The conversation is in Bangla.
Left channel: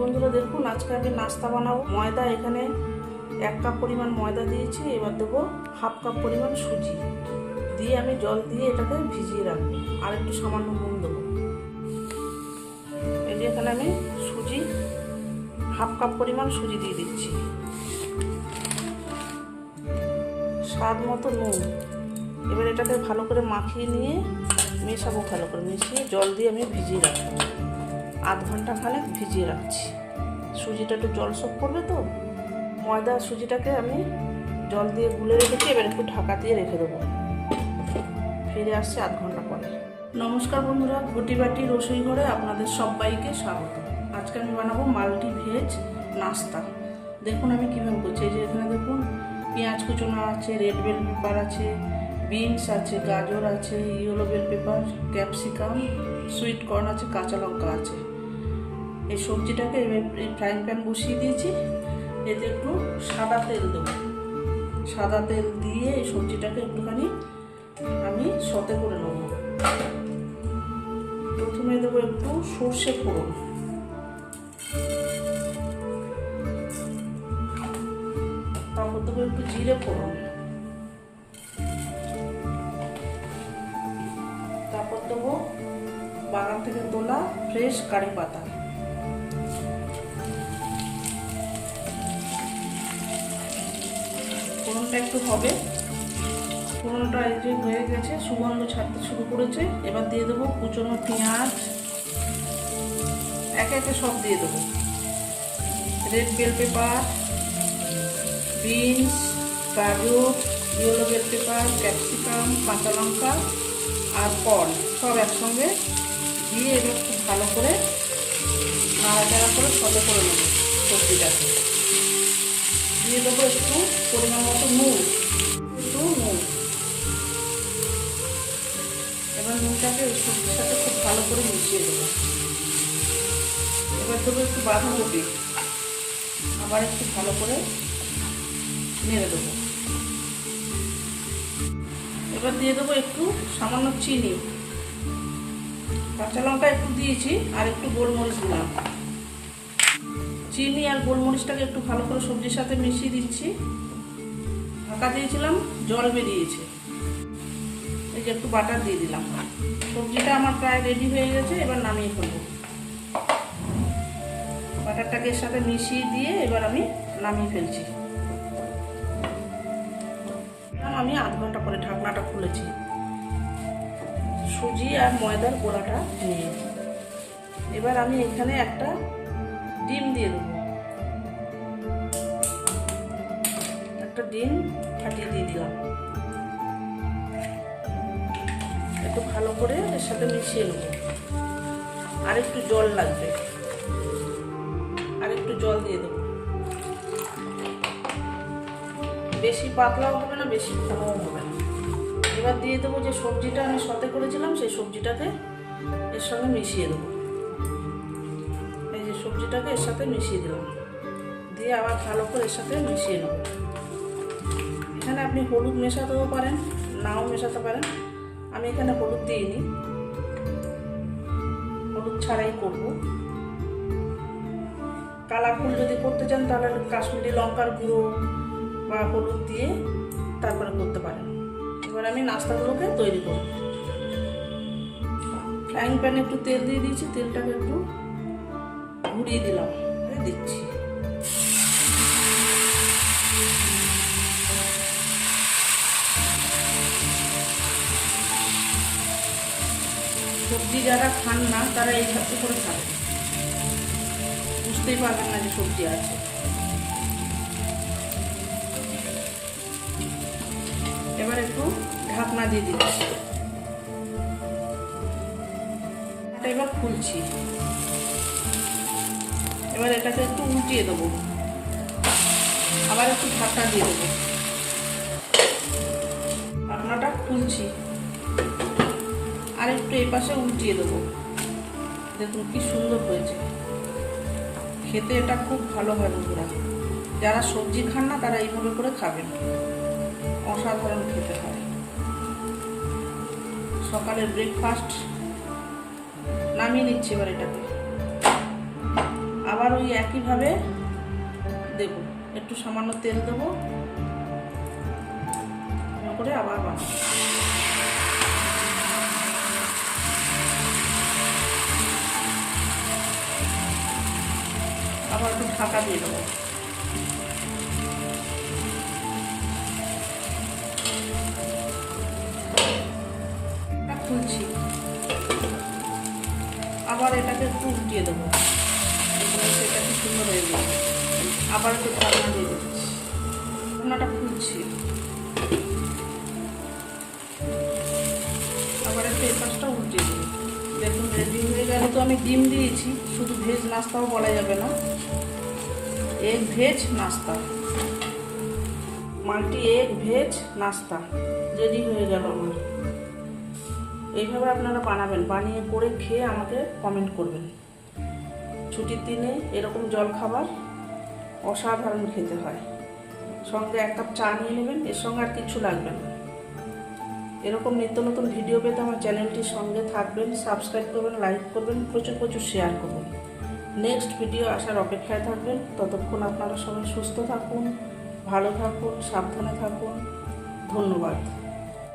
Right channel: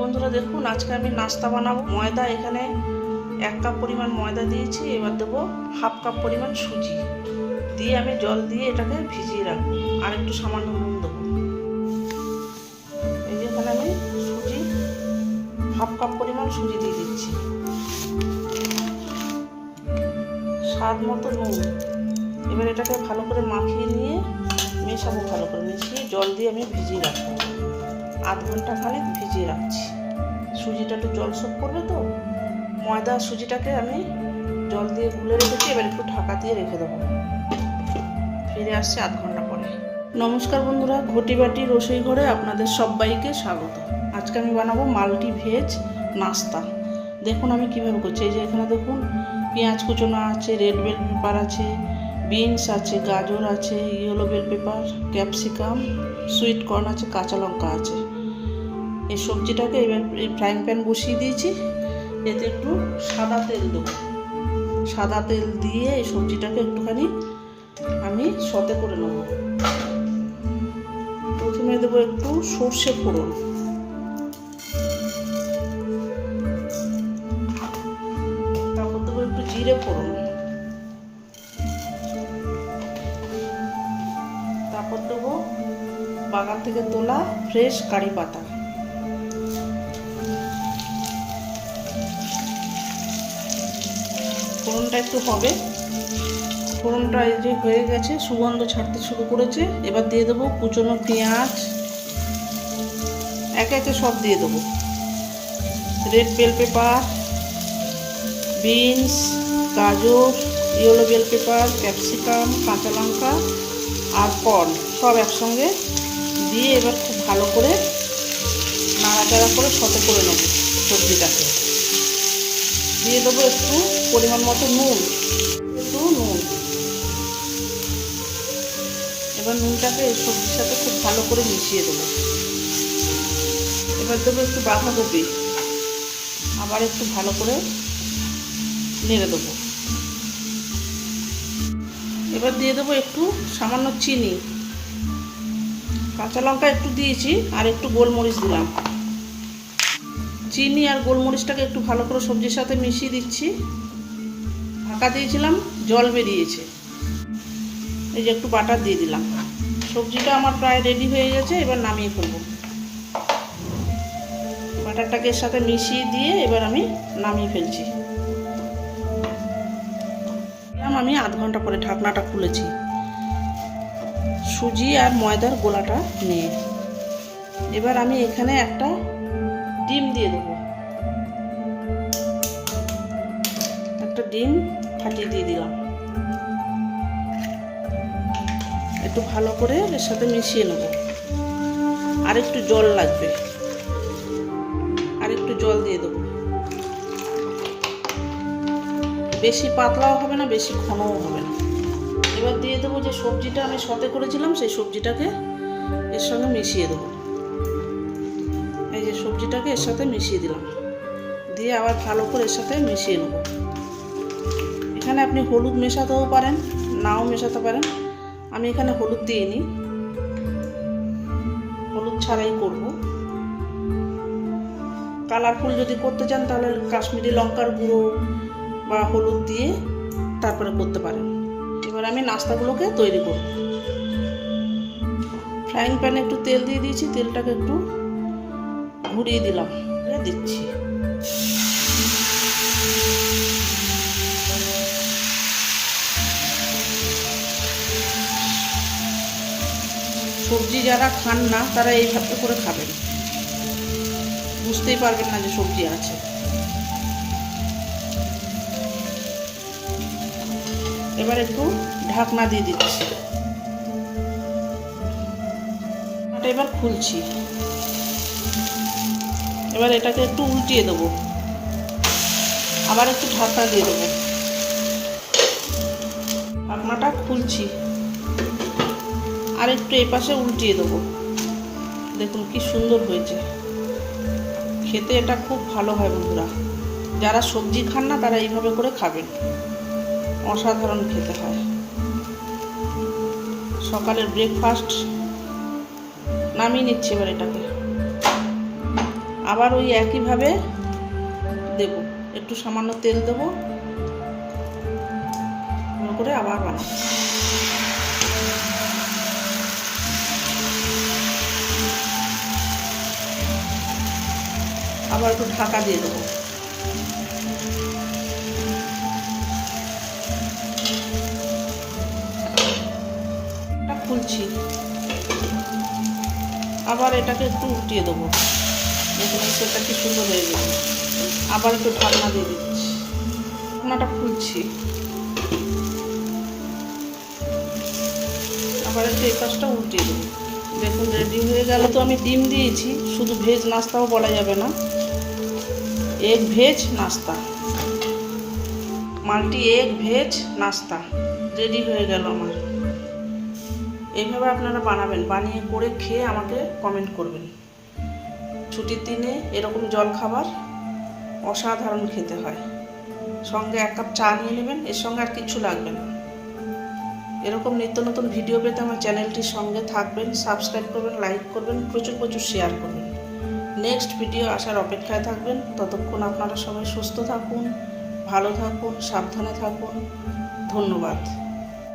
বন্ধুরা, দেখুন আজকে আমি নাস্তা বানাবো। ময়দা এখানে 1 কাপ পরিমাণ ময়দা দিয়েছি। এবার দেবো হাফ কাপ পরিমাণ সুজি দিয়ে আমি জল দিয়ে এটাকে ভিজিয়ে রাখবো। আর একটু সামান্য নুন দেবো। এই যে এখানে আমি সুজি হাফ কাপ পরিমাণ সুজি দিয়ে দিচ্ছি, স্বাদ মতো নুন। এবার এটাকে ভালো করে মাখিয়ে নিয়ে মেশাবো, ভালো করে মিশিয়ে জল দিয়ে আমি ভিজিয়ে রাখবো। আধ ঘন্টা খানেক ভিজিয়ে রাখছি। সুজিটা একটু জল শোক করবে তো, ময়দা সুজিটাকে আমি জল দিয়ে গুলে রেখেছি। এবার একটু ঢাকা দিয়ে রেখে দেবো। ফিরে আসছি আধ ঘন্টা পরে। নমস্কার বন্ধুরা, ঘটি বাটি রসোই ঘরে আপনাদের সবাইকে স্বাগত। আজকে আমি বানাবো মাল্টি ভেজ নাস্তা। দেখুন আমি কীভাবে করছি। এই যে এখানে দেখুন পেঁয়াজ কুচোনো আছে, রেড বেল পেপার আছে, বিনস আছে, গাজর আছে, yellow bell pepper, capsicum, sweet corn আছে, কাঁচা লঙ্কা আছে। এই সবজিটাকে এবার ফ্রাইং প্যান বসিয়ে দিয়েছি। এতে একটু সাদা তেল দেবো। সাদা তেল দিয়ে এই সবজিটাকে একটুখানি আমি সতে করে নেব। প্রথমে দেবো একটু সর্ষে ফোড়ন, তারপর দেবো একটু জিরে ফোড়ন, তারপর দেবো বাগান থেকে তোলা ফ্রেশ কারি পাতা। ফোড়নটা একটু হবে। ফোড়নটা এই যে হয়ে গেছে, সুগন্ধ ছাড়তে শুরু করেছে। এবার দিয়ে দেবো কুচনো পেঁয়াজ, একে একে সব দিয়ে দেবো। রেড বেল পেপার, বিনস, গাজর, ইয়েলো বেল পেপার, ক্যাপসিকাম, কাঁচা লঙ্কা আর কর্ন সব একসঙ্গে দিয়ে এবার খুব ভালো করে নাড়াচাড়া করে সতে করে নেব সবজিটাকে। দিয়ে দেবো একটু পরিমাণ মতো নুন, এবার নুনটাকে এই সবজির সাথে খুব ভালো করে মিশিয়ে দেবো। এবার দেবো একটু বাঁধাকপি, আবার একটু ভালো করে নেড়ে দেবো। এবার দিয়ে দেবো একটু সামান্য চিনি, কাঁচা লঙ্কা একটু দিয়েছি আর একটু গোলমরিচ দিলাম। চিনি আর গোলমরিচটাকে একটু ভালো করে সবজির সাথে মিশিয়ে দিচ্ছি। ঢাকা দিয়েছিলাম, জল বেরিয়েছে। এই যে একটু বাটার দিয়ে দিলাম। সবজিটা আমার প্রায় রেডি হয়ে গেছে। এবার নামিয়ে ফেলবো। বাটারটাকে এর সাথে মিশিয়ে দিয়ে এবার আমি নামিয়ে ফেলছি। আমি আধ ঘন্টা পরে ঢাকনাটা খুলেছি সুজি আর ময়দার গোলাটা নিয়ে। এবার আমি এখানে একটা ডিম দিয়ে দেবো। একটা ডিম ফাটিয়ে দিয়ে দিলাম। একটু ভালো করে এর সাথে মিশিয়ে নেব। আর একটু জল লাগবে, আর একটু জল দিয়ে দেবো। বেশি পাতলাও হবে না, বেশি ঘনও হবে না। এবার দিয়ে দেবো যে সবজিটা আমি সতে করেছিলাম, সেই সবজিটাকে এর সঙ্গে মিশিয়ে দেবো। এই যে সবজিটাকে এর সাথে মিশিয়ে দিলাম, দিয়ে আবার ভালো করে এর সাথে মিশিয়ে নেব। এখানে আপনি হলুদ মেশাতেও পারেন, নাও মেশাতে পারেন। আমি এখানে হলুদ দিইনি, হলুদ ছাড়াই করব। কালারফুল যদি করতে চান তাহলে কাশ্মীরি লঙ্কার গুঁড়ো বা হলুদ দিয়ে তারপরে করতে পারেন। এবার আমি নাস্তাগুলোকে তৈরি করব। ফ্রাইং প্যানে একটু তেল দিয়ে দিয়েছি। তেলটাকে একটু ঘুরিয়ে দিলাম, দিচ্ছি। সবজি যারা খান না তারা এইভাবে করে খাবেন, বুঝতেই পারবেন না যে সবজি আছে। এবার একটু ঢাকনা দিয়ে দিচ্ছি। এবার খুলছি। এবার এটাকে একটু উল্টিয়ে দেবো, আবার একটু ঢাকনা দিয়ে দেবো। ঢাকনাটা খুলছি, আর একটু এই পাশে উল্টিয়ে দেবো। দেখুন কি সুন্দর হয়েছে। খেতে এটা খুব ভালো হয় বন্ধুরা। যারা সবজি খান না তারা এইভাবে করে খাবেন, অসাধারণ খেতে হয়। সকালের ব্রেকফাস্ট নামিয়ে নিচ্ছি। এবার এটাকে আবার আবার ওই একইভাবে দেব, একটু সামান্য তেল দেবো করে আবার বানাবো। আবার একটু ঢাকা দিয়ে দেবো। খুলছি, আবার এটাকে একটু উল্টিয়ে দেবো। সেটা কি সুন্দর হয়ে গেল। আবার একটু ঢাকনা দিয়ে দিচ্ছি, ঢাকনাটা খুলছি, আবার একটু এই পাশটা উল্টিয়ে দেবো। দেখুন রেডি হয়ে গেল। তো আমি ডিম দিয়েছি, শুধু ভেজ নাস্তাও বলা যাবে না, এগ ভেজ নাস্তা, মাল্টি এগ ভেজ নাস্তা রেডি হয়ে গেল আমার। এইভাবে আপনারা বানাবেন, বানিয়ে করে খেয়ে আমাকে কমেন্ট করবেন। ছুটির দিনে এরকম জল খাবার অসাধারণ খেতে হয়। সঙ্গে 1 কাপ চা নিয়ে নেবেন, এর সঙ্গে আর কিছু লাগবে না। এরকম নিত্য নতুন ভিডিও পেতে আমার চ্যানেলটির সঙ্গে থাকবেন, সাবস্ক্রাইব করবেন, লাইক করবেন, প্রচুর প্রচুর শেয়ার করবেন। নেক্সট ভিডিও আসার অপেক্ষায় থাকবেন। ততক্ষণ আপনারা সবাই সুস্থ থাকুন, ভালো থাকুন, সাবধানে থাকুন। ধন্যবাদ।